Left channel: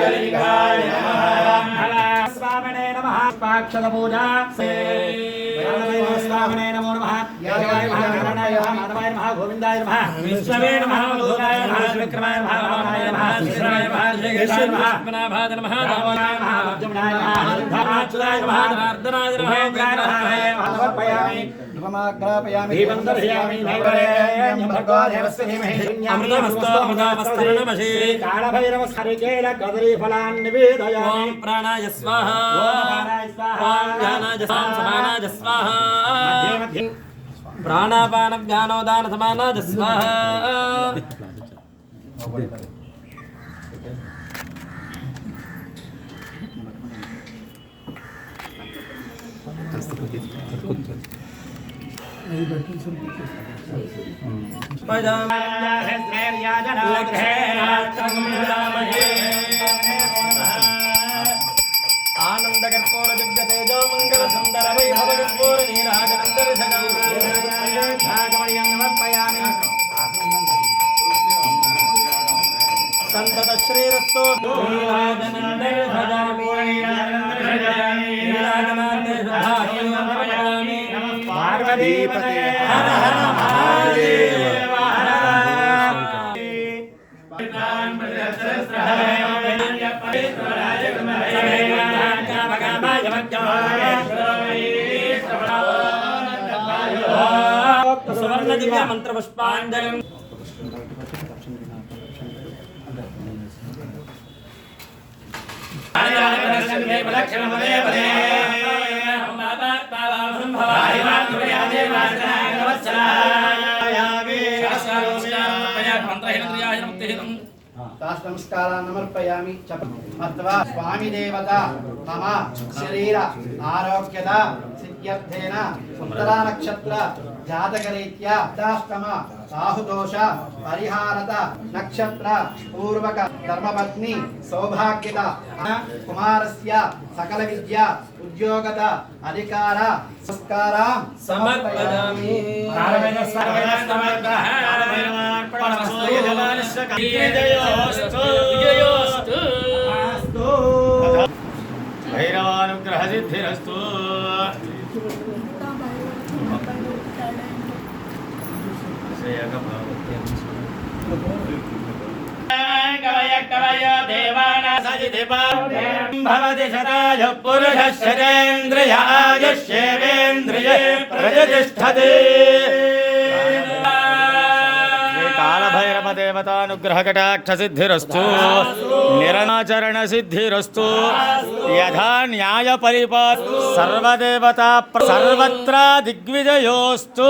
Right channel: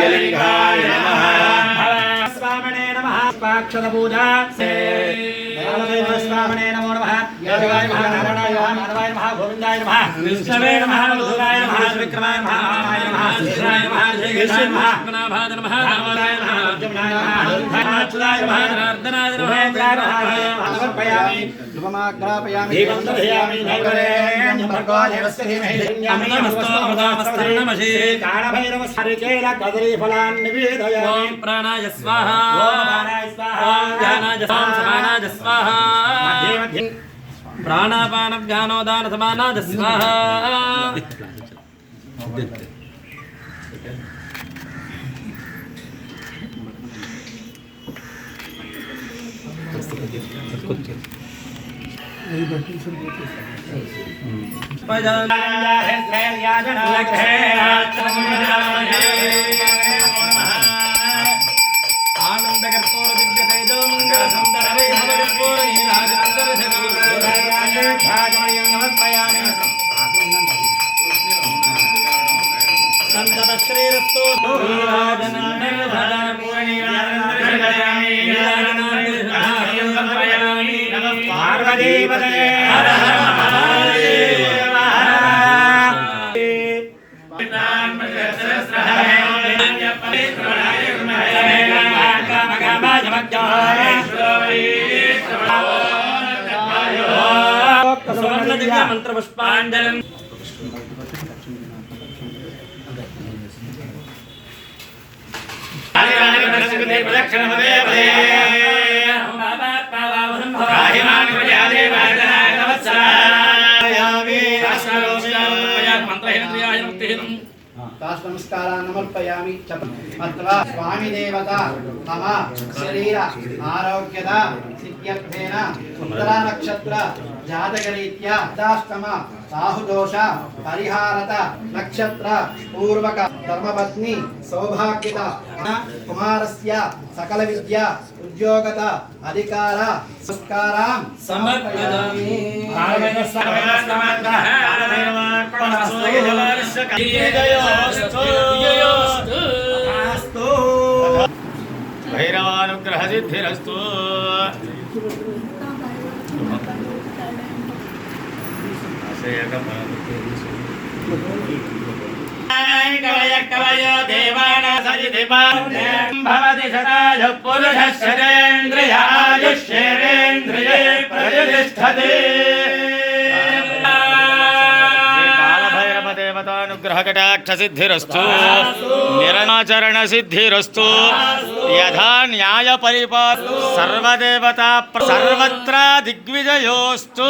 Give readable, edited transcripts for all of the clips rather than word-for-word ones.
దివ్యలింగాయ నమః స్వామినే నమః పాక్షద పూజా స్వామినే నమో నమః యాదవాయ నమః నారాయణాయ నమః మాధవాయ నమః గోవిందాయ నమః విష్ణవే నమః మధురాయ నమః విక్రమాయ నమః రామాయ నమః శ్రీరాయ నమః జయకేశాయ నమః గణనాథాయ నమః రామాయ నమః జమునాయ నమః అచ్యుతాయ నమః జనార్దనాయ నమః ప్రాణాయ నమః సమర్పయామి ధూపమాగ్రాపయామి దీపం దర్శయామి నైవేద్యం భర్గో దేవస్య ధీమహి ధన్యామస్తమస్తమస్తమసి కాళభైరవ హరికేల కదరీ ఫలాన్ నివేదయామి ఓం ప్రాణాయ స్వాహా ఓం ప్రాణాయ స్వాహా ఓం జ్ఞానాయ స్వాహా సమానాయ స్వాహా మధ్య మధ్య ప్రాణాపాన జ్ఞానోదాన సమానాయ స్వాహా ఆనందకర్పూర దివ్య తేజో మంగళ సుందర సంతత శ్రీరస్తో పార్వతీపదే హర హర మహాదేవ సువర్ణ దివ్య మంత్ర పుష్పాంజలి నమస్కారాన్నమర్పయామి మత్వా స్వామి దేవత మమ శరీర ఆరోగ్యద సిద్ధ్యర్థేన ఉత్తరా నక్షత్ర జాతకరీత్యా అష్టాష్టమ రాహుదోష పరిహారత నక్షత్ర పూర్వక ధర్మపత్ని సౌభాగ్యత కుమారస్య సకల విద్య ఉద్యోగత అధికార సంస్కారం సమర్పయామి భైరవానుగ్రహ సిద్ధిరస్తు కవయ దేవానా సజితి భవతి శతాయ పురుష శతేంద్రియ ఆయుష్యేంద్రియే ప్రతిష్టతే గ్రహకటాక్ష సిద్ధిరస్తు నిరాచరణ సిద్ధిరస్తు యథా న్యాయ పరిపాల సర్వదేవతా సర్వత్ర దిగ్విజయోస్తు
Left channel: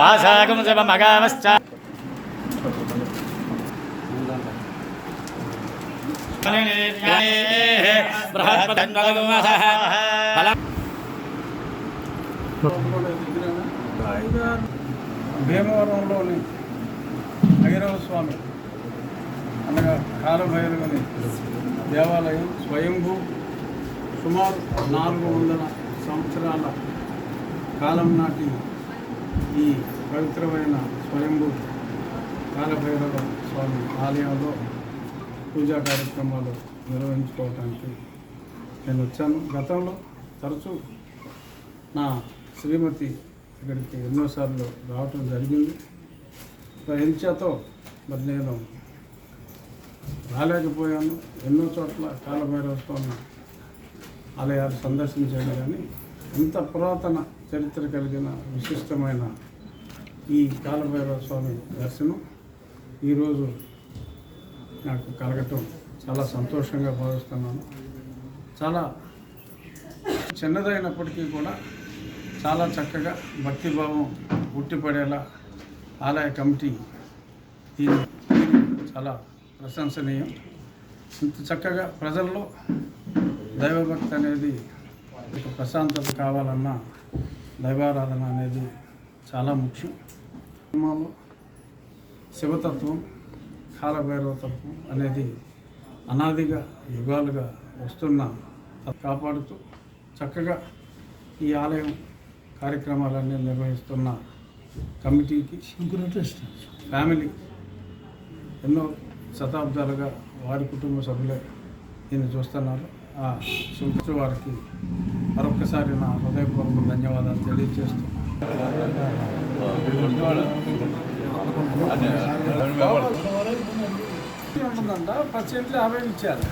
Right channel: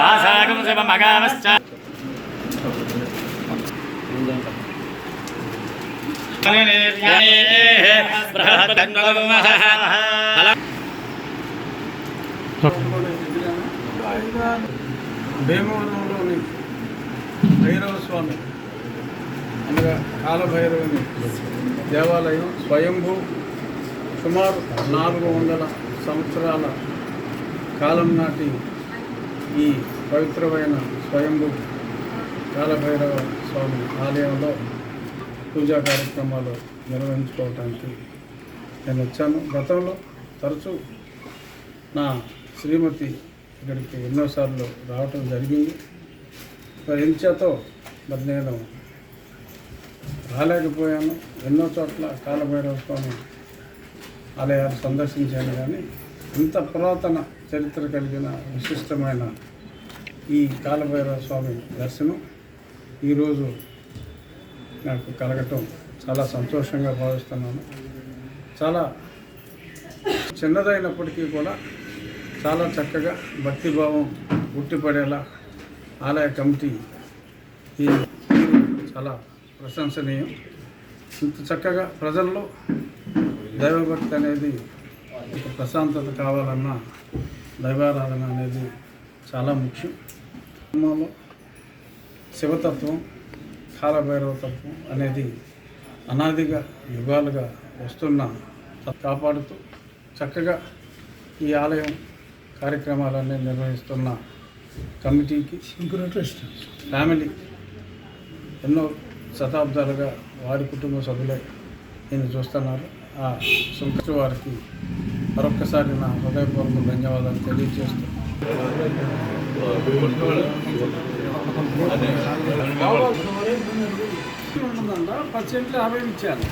వాసాగం శివమగామశ్చ భీమవరంలోని భైరవ స్వామి అనగా కాలభైరవుని దేవాలయం స్వయంభూ సుమారు 400 సంవత్సరాల కాలం నాటి ఈ పవిత్రమైన స్వయంభూ కాలభైరవ స్వామి ఆలయంలో పూజా కార్యక్రమాలు నిర్వహించుకోవటానికి నేను వచ్చాను. గతంలో తరచూ నా శ్రీమతి ఇక్కడికి ఎన్నోసార్లు రావటం జరిగింది. ఎంచేతో మరి నేను రాలేకపోయాను. ఎన్నో చోట్ల కాలభైరవ స్వామి ఆలయాలు సందర్శించాను, కానీ ఇంత పురాతన చరిత్ర కలిగిన విశిష్టమైన ఈ కాలభైరవ స్వామి దర్శనం ఈరోజు నాకు కలగటం చాలా సంతోషంగా భావిస్తున్నాను. చాలా చిన్నదైనప్పటికీ కూడా చాలా చక్కగా భక్తిభావం ఉట్టిపడేలా ఆలయ కమిటీ ఈ చాలా ప్రశంసనీయం. ఇంత చక్కగా ప్రజల్లో దైవభక్తి అనేది, ప్రశాంతత కావాలన్నా దైవారాధన అనేది చాలా ముఖ్యం. సినిమాలో శివతత్వం, కాలభైరవ తత్వం అనేది అనాదిగా యుగాలుగా వస్తున్న కాపాడుతూ చక్కగా ఈ ఆలయం కార్యక్రమాలన్నీ నిర్వహిస్తున్న కమిటీకి ఫ్యామిలీ ఎన్నో శతాబ్దాలుగా వారి కుటుంబ సభ్యులే నేను చూస్తున్నారు. ఆ సుంకృష్ణ వారికి మరొక్కసారి నా హృదయపూర్వక ధన్యవాదాలు తెలియజేస్తూ %50 ఇచ్చాను.